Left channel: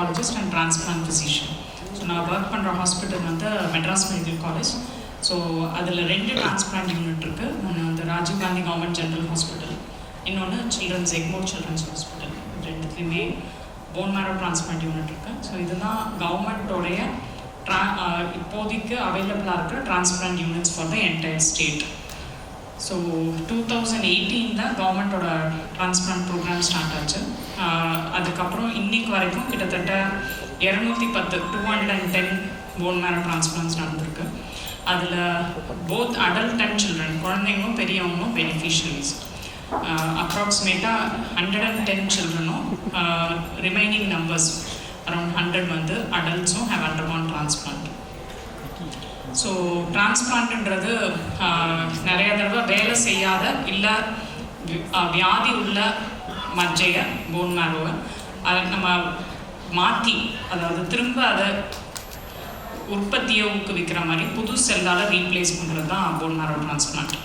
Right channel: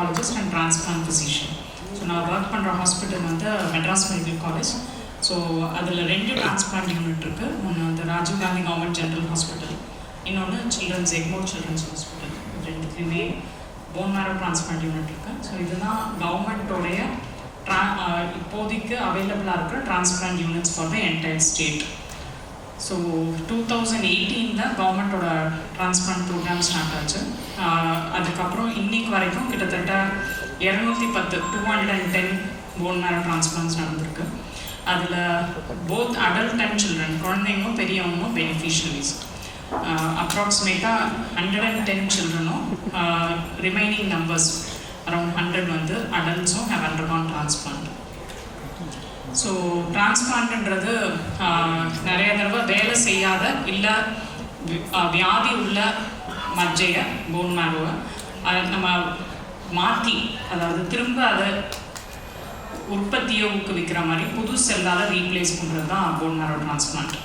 oncologist and transplant physician. So நான் work பண்ணுற hospital வந்து மெட்ராஸ் மெடிக்கல் காலேஜ். ஸோ அதில் 2 டிரான்ஸ்பிளான்ட் யூனிட் இருக்குது. ஒன்று வந்து Rajiv Gandhi government general hospital, இன்னொன்று சில்ட்ரன்ஸ் எக்மோர் சில்ட்ரன்ஸ் ஹாஸ்பிட்டல். ரெண்டுத்துலேயுமே போன் மேரோ டிரான்ஸ்பிளான்ட் யூனிட் இருக்குது. ஸோ இதுதான் கவர்மெண்ட்டோடைய இப்போதைக்கு அவைலபிளாக இருக்கிற transplant units for the entire state. So 2018 கவர்மெண்ட்டோட டிரான்ஸ்பிளான்ட் ப்ரோக்ராம் ஸ்டார்ட் ஆச்சு. அதுக்கப்புறம் இன்னைக்கு வரைக்கும் கிட்டத்தட்ட 210 போன் மேரோ டிரான்ஸ்பிளான்ட்ஸ் நடந்திருக்கு. அதில் போத் அடல்ட் அண்ட் சில்ட்ரன், குழந்தைங்களும் பெரியவங்களும் பெனிஃபிஷியரிஸ். அப்ராக்சிமேட்டாக 110 சில்ட்ரனும் ரிமைனிங் நம்பர்ஸ் அரௌண்ட் 100 வந்து அடல்ட்ஸும் ஹேவ் அண்டர்கான் டிரான்ஸ்பிளான்ட். ஸோ டிரான்ஸ்பிளான்ட்ன்றது நிறைய தடவை வேலை செய்யாத இல்லை வியாதி உள்ள மஜ்ஜையை, போன் மேரோவை அதை நம்ம மாற்றி, அதாவது திரும்ப அதை உற்பத்தியை ஊக்குவிக்கிற மாதிரி புது செல்லால் ரீப்ளேஸ் பண்ணுறது தான் போன் மேரோ டிரான்ஸ்பிளான்ட்.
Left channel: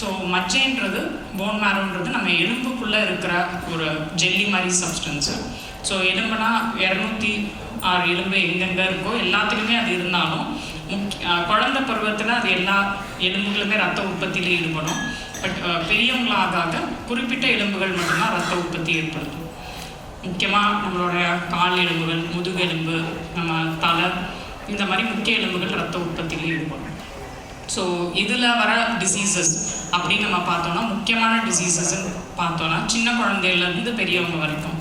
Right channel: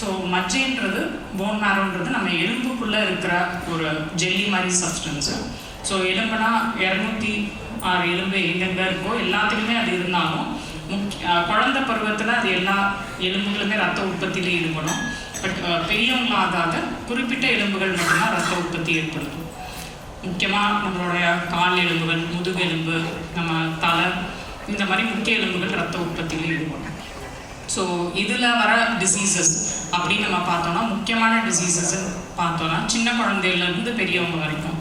ஸோ மஜ்ஜைன்றது, போன் மேரோன்றது நம்ம எலும்புக்குள்ளே இருக்கிற ஒரு ஜெல்லி மாதிரி சப்ஸ்டன்ஸு. ஸோ எலும்புனா 206 எலும்பு எங்கெங்கே இருக்கோ எல்லாத்துலேயுமே அது இருந்தாலும் குழந்தை பருவத்தில் அது எல்லா எலும்புகளுமே ரத்த உற்பத்தியில் ஈடுபடும். பட் பெரியவங்களாக குறிப்பிட்ட எலும்புகள் மட்டும்தான் ரத்த உற்பத்தி ஏற்படுத்தும். முக்கியமாக நம்மளுடைய கால் எலும்புகள், முதுகெலும்பு, நம்ம தலை, இந்த மாதிரி முக்கிய எலும்புகள் ரத்த உற்பத்தியில் ஈடுபடும். ஸோ இதில் வர டிசீசஸ் அப்படின்னு நம்ம பார்த்தோன்னா, முக்கியமான டிசீசஸ்ன்னு பார்த்தோன்னா சின்ன குழந்தையிலேருந்து பெரியவங்க வரைக்கும்.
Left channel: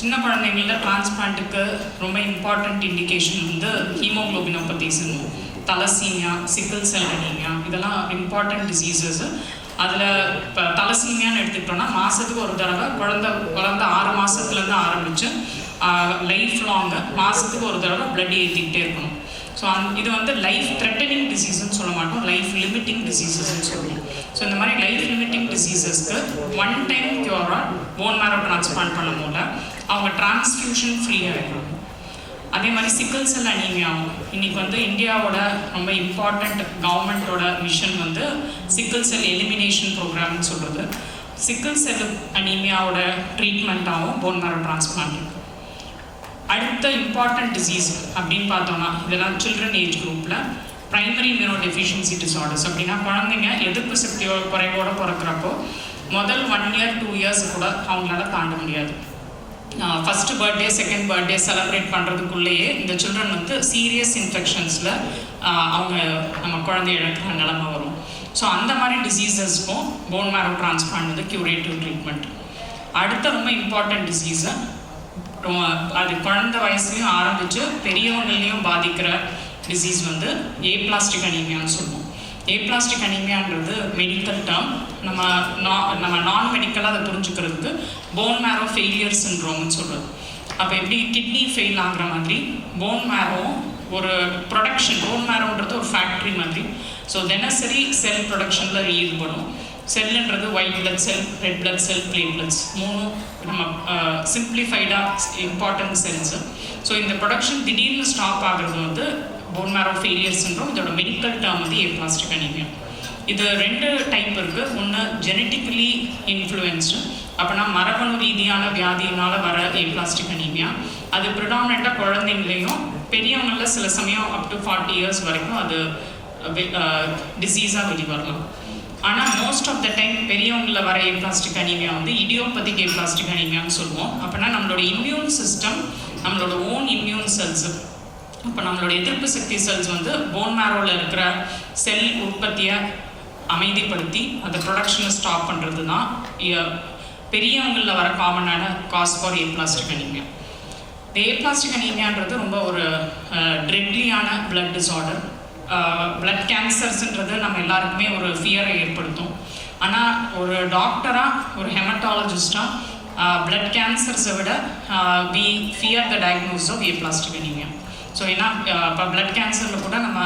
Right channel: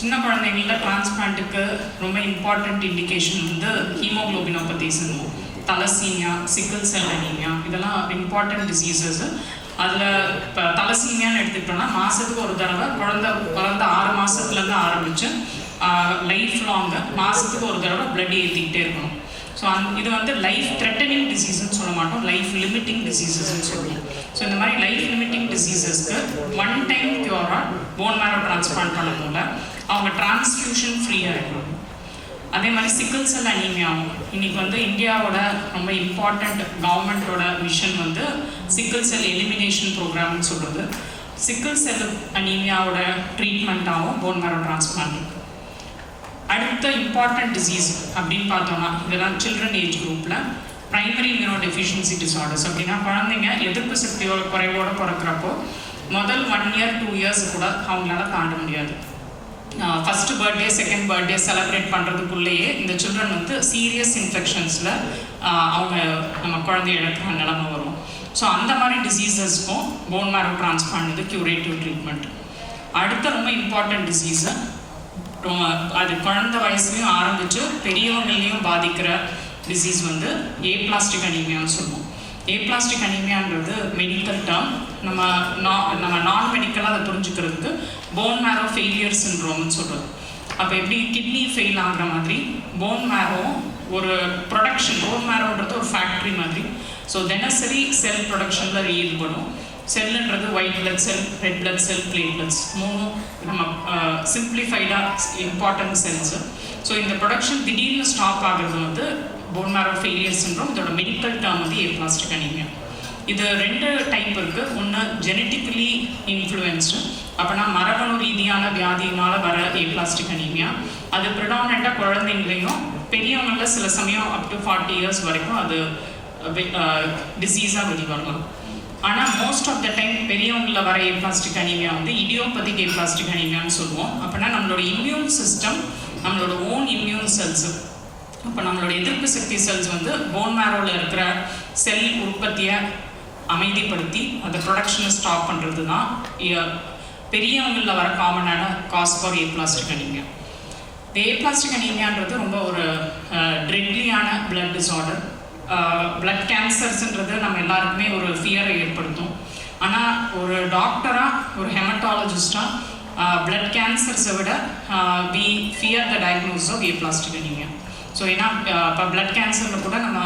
சின்ன குழந்தைங்களில் டிரான்ஸ்பிளான்ட்டுக்கு ரொம்ப இம்பார்ட்டண்ட் இண்டிகேஷன் வந்து ஹீமோக்ளோபினோபதிஸ்னு, தலசீமியா, சிக்கிள் செல் அனீமியா, இதெல்லாம் இம்பார்ட்டண்ட் டிசீசஸ். அதில் இப்போ தலசீமியான்னு எடுத்துக்கிட்டோன்னா மாதத்துக்கு ஒரு தடவை குழந்தை 6 மாதத்துலேருந்து ஆரம்பித்து லைஃப் லாங்கு மாதத்துக்கு ஒரு தடவை பிளட் ஏற்றிக்கிட்டே இருக்கணும். ஸோ இது வந்து லைஃப் த்ரெட்டனிங் டிசீஸ்ன்னு சொல்ல மாட்டோம், லைஃப் லிமிட்டிங் டிசீசஸ்ன்னு சொல்லுவோம். ஸோ இந்த மாதிரி லைஃப் லிமிட்டிங் டிசீசஸ்க்கு 1 டைம் க்யூராக போன் மேரோ டிரான்ஸ்பிளான்ட் பண்ணும்போது அவங்க டிரான்ஸ்ஃபியூஷன் ஃப்ரீயாக இருக்கும். அதே மாதிரி சிக்கிள் செல் அனீமியாவும் இன்றைக்கி வந்து இந்தியாவோட ரொம்ப இம்பார்ட்டண்ட் கவர்மெண்ட்டோட மிஷன் வந்து சிக்கிள் செல் எலிமினேஷன் ப்ரோக்ராம்னு சொல்கிறது. சிக்கிள் செல் அனீமியாவோட ட்ரீட்மெண்ட்டாகவும் போன் மேரோ டிரான்ஸ்பிளான்ட் இருக்குது. அடுத்த இம்பார்ட்டன்ட் டிசீஸ் அப்படின்னு பார்த்தோம்னா, இதெல்லாம் சில்ட்ரன் ஏஜ் குரூப்பில் ப்ரைமரி இம்யூனோ டெஃபிஷியன்சி டிஸார்டர்ஸ். அப்படின்னா குழந்தைங்க எதிர்ப்பு சக்தியோட குறைவோடு பிறக்கிறப்போ முதல் 1 year 2 years கூட அவங்களால தாண்ட முடியாது. First birthday, second birthday celebrate பண்ணுறதுக்குள்ளேயே இந்த சில்ட்ரன் வந்து சீரியஸ் இன்ஃபெக்ஷன்ஸில் அவங்க நம்ம குழந்தை இழக்கிற நிலைமை வரும். ஸோ அந்த மாதிரி டிசீசஸ்க்கும் போன் மேரோ டிரான்ஸ்பிளான்ட் வந்து க்யூரேட்டிவ் ட்ரீட்மெண்ட். அடுத்த ரொம்ப இம்பார்ட்டன்ட் டிசீஸு, அது குழந்தை வயசுலையும் ஆரம்பித்து பெரியவங்களையும் பாதிக்கிற டிசீஸ் வந்து ஏப்ளாஸ்டிக் அனீமியான்னு சொல்லுவோம். ஏப்ளாஸ்டிக் அனீமியான்றது மெடிக்கல் டேர்ம். நம்ம நான் மெடிக்கலாக அதை புரிஞ்சுக்கிறதுக்கு போன் மேரோ ஃபெயிலியர் சிண்ட்ரோம்னு சொல்கிறது. அப்போ எப்படி கிட்னி ஃபெயில் ஆகிற மாதிரி போன் மேரோவும் ஒரு ப்ரொடக்ஷன், போன் மேரோன்றது ஒரு ஃபேக்ட்ரி மாதிரி. ஸோ தினசரி செல் ப்ரொடக்ஷனில் ஈடுபடும். செல்லுன்றது white blood cell, red blood cell, platelets, 3 நம்ம சிம்பிளிஃபைடாக இம்பார்ட்டன்ட் செல்ஸு. ஸோ இந்த ப்ரொடக்ஷன் திடீர்னு ஸ்டாப் ஆகிறது வந்து போன் மேரோ ஃபெயிலியர் சிண்ட்ரோம். இதோட மெடிக்கல் டேர்ம் வந்து ஏப்ளாஸ்டிக் அனீமியா. இது 2 டைப் இருக்குது. ஒன்று ஜெனட்டிக்கலி இன்ஃப்ளூயன்ஸ்டு, அப்படின்னா மரபணு ரீதியான வியாதியினால் வர ஏப்ளாஸ்டிக் அனீமியா. அது ப்ரிடாமினெண்ட்டாக குழந்தைங்களையும் பெரியவங்களில் சில சமயம் அப் டு 40 years வரைக்கும் அது டிசீஸாக வெளிவரலாம். ஆனால் மோஸ்ட் ஆஃப் த டைம் பெரியவங்களில் வர ஏப்ளாஸ்டிக் அனீமியா வந்து இடியோபதிக் ஏப்ளாஸ்டிக் அனீமியான்னு சொல்லுவோம். அப்படின்னா நம்மளோட இம்யூன் சிஸ்டம், நம்மளோட ஓன் இம்யூன் செல்ஸு, இப்போ நம்மளோட எதிர்ப்பு சக்தி செல்ஸ் வந்து போன் மேரோவில் இருக்கிற செல் உற்பத்தியை அமைதிப்படுத்தி அந்த ப்ரொடக்ஷனை ஸ்டாப் பண்ணுறது தான் பெரியவங்களில் வர காமனான காஸ் ஃபார் ஏப்ளாஸ்டிக் அனீமியா. இந்த ஏப்ளாஸ்டிக் அனீமியான்றது ரொம்ப ஒரு ட்ரெட்லியான பிளட் டிஸார்டர். பிளட் கேன்சர்ஸ்ன்றது நம்ம எல்லாருக்குமே ஒரு ஃபியரை ஏற்படுத்தும். ஆனால் ஒரு டாக்டராக, ஒரு ஹெமட்டாலஜிஸ்டாக பிளட் கேன்சர்ஸை விட we fear the diagnosis of aplastic anaemia. So ஏன்னா இப்போ பிளட் கேன்சரில் கூட நம்ம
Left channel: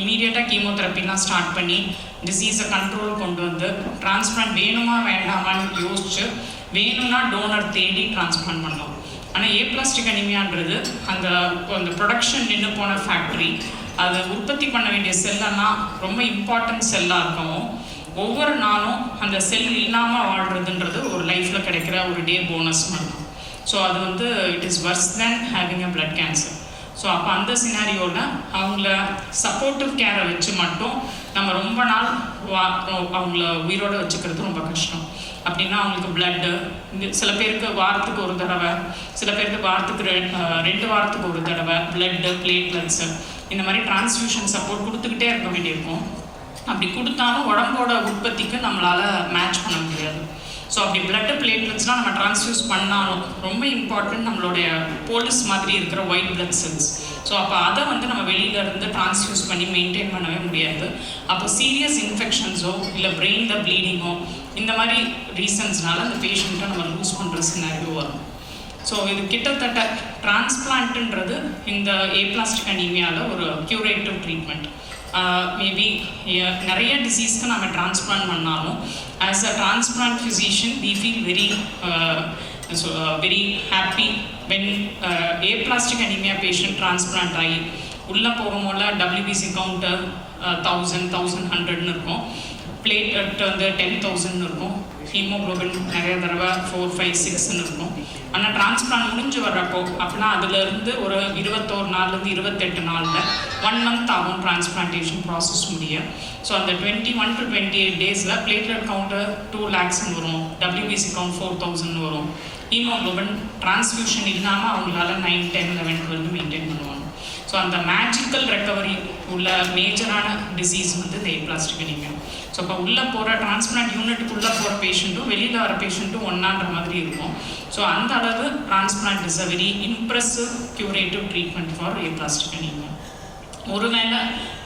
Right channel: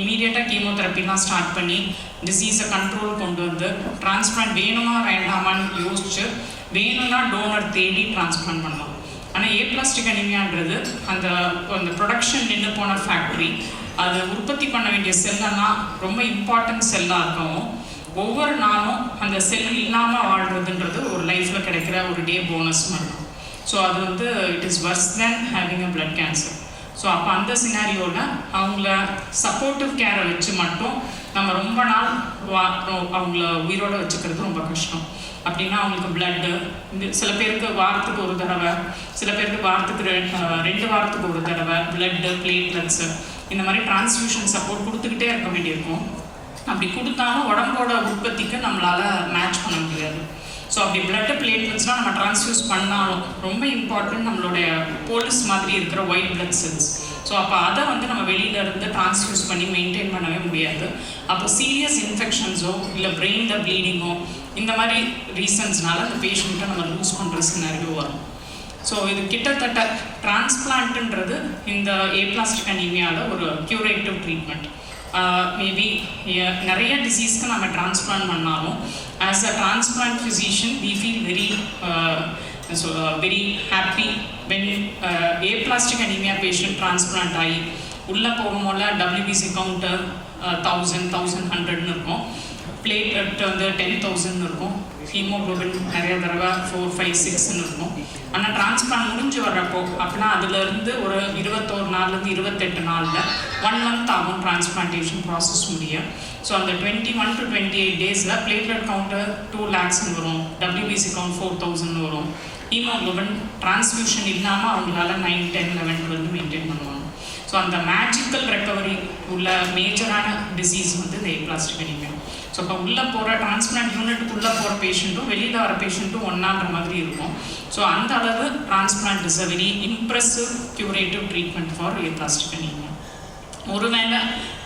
இமீடியட்டாக கீமோதெரப்பிலாம் ஸ்டார்ட் பண்ணி டிசீஸை கண்ட்ரோல் கொண்டு வந்து டிரான்ஸ்பிளான்ட் வேணுமா வேண்டாமான்னு யோசிச்சு வேணும்னா டோனர் தேடி டிரான்ஸ்பிளான்ட் பண்ணலாம். ஆனால் ஏப்ளாஸ்டிக் அனீமியான்றது அந்த ப்ரொடக்ஷன் நின்று போன ஃபேக்ட்ரி, அது உற்பத்தி பண்ண வேண்டிய செல்லெல்லாம் ரொம்ப இம்பார்ட்டன்ட் செல்லாக இருக்கவும் ஒவ்வொரு நாளும் அந்த செல் இல்லாமல் வாழ்கிறதுன்றது ஒரு லைஃப்பில் கிடைக்கிற ஒரு டே போனஸ் மாதிரி. ஸோ அது வந்து it is worse than having a blood cancer. So அப்போ அந்த சினாரியோவில் அவங்கள சப்போர்ட்டிவ் கேரை வச்சு மட்டும் நம்ம ரொம்ப நாள் அவங்கள உயிரோடு வச்சுக்கிறது ரொம்ப கஷ்டம். அப்படின்னா அவங்களுக்கு பிளட்டு, சில பேருக்கு வாரத்துக்கு ஒரு தடவை, சில பேருக்கு வாரத்துக்கு 2 வாரத்துக்கு ஒரு தடவை பிளட்டு, பிளேட்லெட்ஸு, இந்த மாதிரி டிரான்ஸ்ஃபியூஷன் சப்போர்ட் கொடுத்துக்கிட்டே இருக்க வேண்டியிருக்கும். அப்படி கொடுத்தாலும் உடம்போட உற்பத்திக்கு நம்மளால் மேட்ச் பண்ண முடியாது. ஸோ அப்படி பிளட்டு, பிளேட்லெட்ஸ்லாம் நம்ம டிரான்ஸ்ஃபியூஸ் பண்ணாலும் ரொம்ப இம்பார்ட்டன்ட் நம்மளுடைய போலீஸ் மாதிரி இருக்கிற ஒயிட் பிளட் செல்ஸ். ஸோ அப்போ அதை வந்து நம்ம வெளியிலேருந்து டிரான்ஸ்ஃபியூஸ் பண்ணி மெயின்டைன் பண்ணவே முடியாது. அப்போ சீரியஸ் இன்ஃபெக்ஷன்ஸோ இல்லை பிரெயினில் ப்ளீடிங்கோ இந்த மாதிரி ரீசன்ஸ்னால அந்த பேஷண்ட்டை நம்ம லூஸ் பண்ணுற சினாரியோ வரும். ஸோ இது கிட்டத்தட்ட டிரான்ஸ்பிளான்ட்டுன்றது இந்த ஏப்ளாஸ்டிக் அனீமியாவில் ஒரு க்யூரேட்டிவ் ட்ரீட்மெண்ட். மேபி நிறைய டிசீஸ்க்கு நம்ம டிரான்ஸ்பிளான்ட் பண்ணாலும் as a transplant physician we feel very happy when aplastic anemia patient transplant ஆகி உள்ளே போகும்போது WBC கவுண்ட்டு 1100 இருக்கும், பிளேட்லெட் வந்து 10,000 இருக்கும், ஹீமோக்ளோபின் நிறைய தடவை 4, 5, 6 இருக்கும். ஆனால் டிரான்ஸ்பிளான்ட் முடிஞ்சு வர்றப்போ அப்படின்னா அதுலேருந்து ஒரு 21 நாள்லேருந்து 28 நாளில் 1 month ஆகும் டிரான்ஸ்பிளான்டேஷன் ப்ராசஸ் முடிய. ஸோ அந்த 21 to 28 டேஸில் பிளேட்லெட் கவுண்ட்டு 2 lakhs வரும், WBC கவுண்ட் 4,000 வரும், ஹீமோக்ளோபின் டிரான்ஸ்ஃபியூஷன் இல்லாமல் அவங்களால 9, 10, 11, 12 மெயின்டைன் பண்ணுவாங்க. ஸோ அந்த மேஜிக்கல் ரெக்கவரி உள்ள மேஜரான டிசீஸ் வந்து இந்த ஏப்ளாஸ்டிக் அனீமியா. ஸோ இப்போ உள்ளே போகிற டிரான்ஸ்பிளான்ட் யூனிட்டுக்குள்ளே போகிற பேஷண்ட்டும் வெளியில் வர பேஷண்ட்டும் ஒன்றான்ற மாதிரி இருக்கும். ஸோ அந்த அளவு transplant is a very impressive curative treatment for aplastic anaemia. ஒருவேளை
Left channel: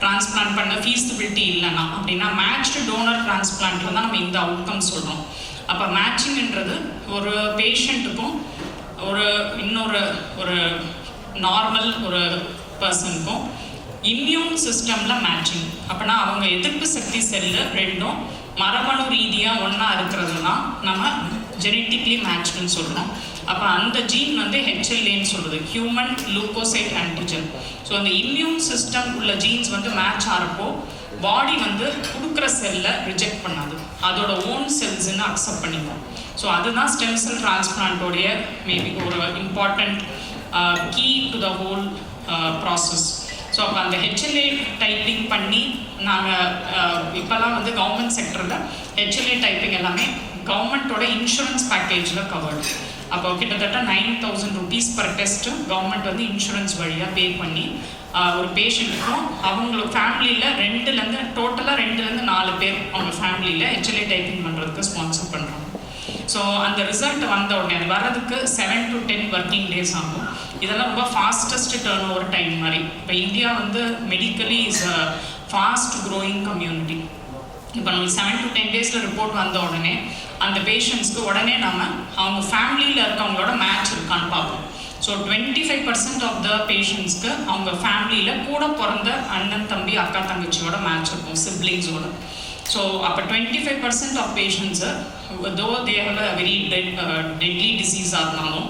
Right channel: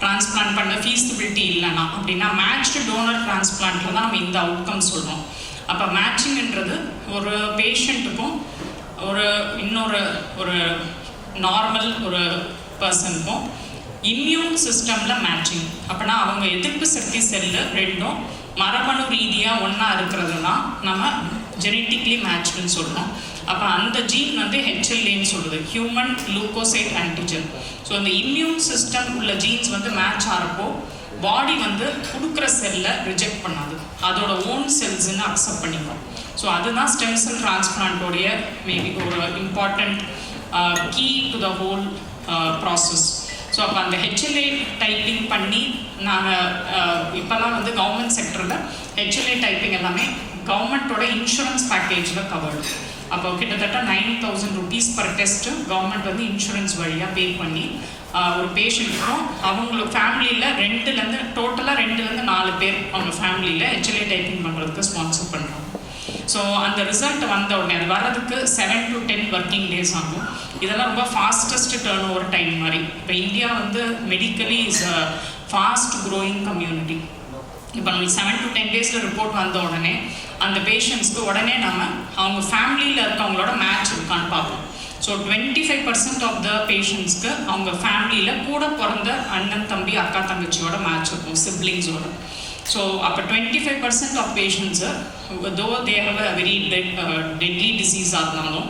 டிரான்ஸ்பிளான்ட் பண்ண ஃபீஸிபிலிட்டி இல்லைன்னா அப்படின்னா மேட்ச்டு டோனர் டிரான்ஸ்பிளான்ட்டில் தான் நம்ம இந்த அவுட்கம் சொல்கிறோம். அப்போ மேட்சிங்ன்றது ஒரு பேஷண்ட்டுக்கும் ஒரு நார்மல் ஒரு பர்சனுக்கும் இம்யூன் சிஸ்டமில் மேட்சிங். அப்படின்னா அவங்க எதிர்ப்பு சக்தி செல்லு ரெண்டும் மரபணு ரீதியாக ஒன்றா இருக்கிறது தான் நம்ம ஜெனட்டிக்லி மேட்ச்னு சொல்கிறோம். அப்போ அந்த ஜீன் வந்து HLA-ன்னு சொல்லுது, ஹியூமன் லூக்கோசைட் ஆன்டிஜன். ஸோ அந்த இம்யூன் சிஸ்டம் உள்ள ஜீன்ஸ் வந்து மேட்ச் ஆகிறப்போ பாடி வந்து கொடுக்குற செல்லை ரிஜெக்ட் பண்ணாது, அதோட ஓன் செல்ஸ்ன்னு அக்செப்ட் பண்ணிக்கும். ஸோ அதுதான் ஸ்டெம் செல் டிரான்ஸ்பிளான்ட்டோடைய மேபி ஒரு important key to the whole process. So அப்போ அந்த HLA டைப்பிங் பண்ணி நாங்கள் இப்போல்லாம் வந்து கவர்மெண்ட் செக்டரில் HLA டைப்பிங் எல்லாமே கவர்மெண்ட்டோட இன்சூரன்ஸ் பேக்கேஜில் கவர்டு. அப்போ கிட்டத்தட்ட 9,000 rupees per டெஸ்ட்டு கவர்மெண்ட் வந்து இன்சூரன்ஸ் வழியாக பே பண்ணி ஒரு பேஷண்ட்டுக்கும் அவங்களோட ஃபேமிலியில் 2லேருந்து 4 பேர் அவங்க ஃபேமிலியில் HLA டைப்பிங் பண்ணுறதுக்கு ஸ்பான்சர் பண்ணுறாங்க. ஸோ அந்த ரிசல்ட் வந்த உடனே வரதுக்கு 7 to 10 working days ஆகும். இதெல்லாம் ரொம்ப ஃபாஸ்டஸ்ட் டர்ன் ஓவர் டைம் மாதிரி. இப்போ இந்தியா வந்து medically is a fast growing community. இப்போ நம்மளுக்கு 7 to 10 டேஸில் ரிப்போர்ட் வந்த உடனே அந்த பேஷண்ட்ஸ்க்கு உடனே நம்ம அவங்க ஃபேமிலியில் இருக்கவங்களோட மேட்ச் இருக்கான்னு பார்ப்போம். ஸோ 25% ஆஃப் த பேஷண்ட்ஸ்க்கு அவங்க ஃபேமிலியில் கூட பிறந்த அண்ணன், தம்பி, அக்கா, தங்கச்சியோட மேட்ச் இருக்கும், சிப்ளிங்ஸோட. ஸோ அப்போ 25% of patients though they have a very deadly டிசீஸாக இருந்தாலும்